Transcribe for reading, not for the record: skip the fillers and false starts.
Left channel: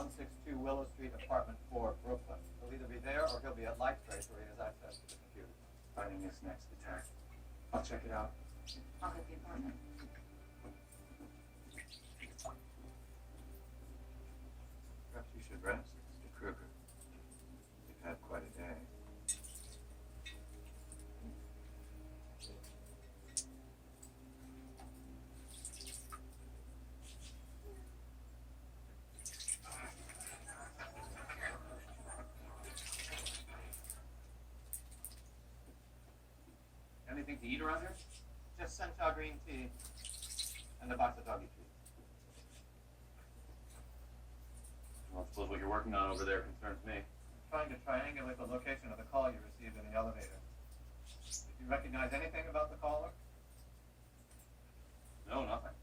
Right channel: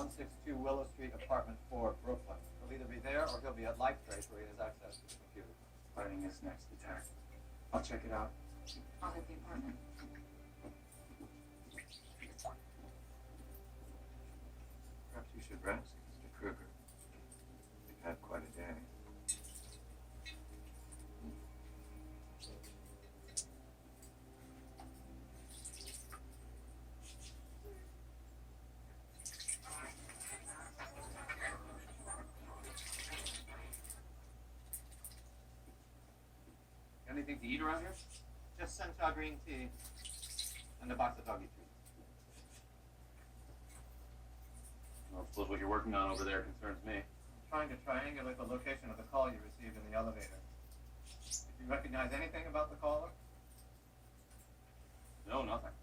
162 Willow Street, apartment 4, Brooklyn. He'll either be there or he'll be at Lighttrace where he has access to the computer. Finding his next attack. I'll check it out. I'll hit the apartment. Perhaps you should rest, Mr. Kruger. You've had quite a day. Anything to eat around here? Just sencha green tea and a box of doggy treats. Well, I suppose what you're working on over there concerns me. I'm trying to triangulate the location of the call you received in the elevator. Did you recognize anything about the caller? No, nothing.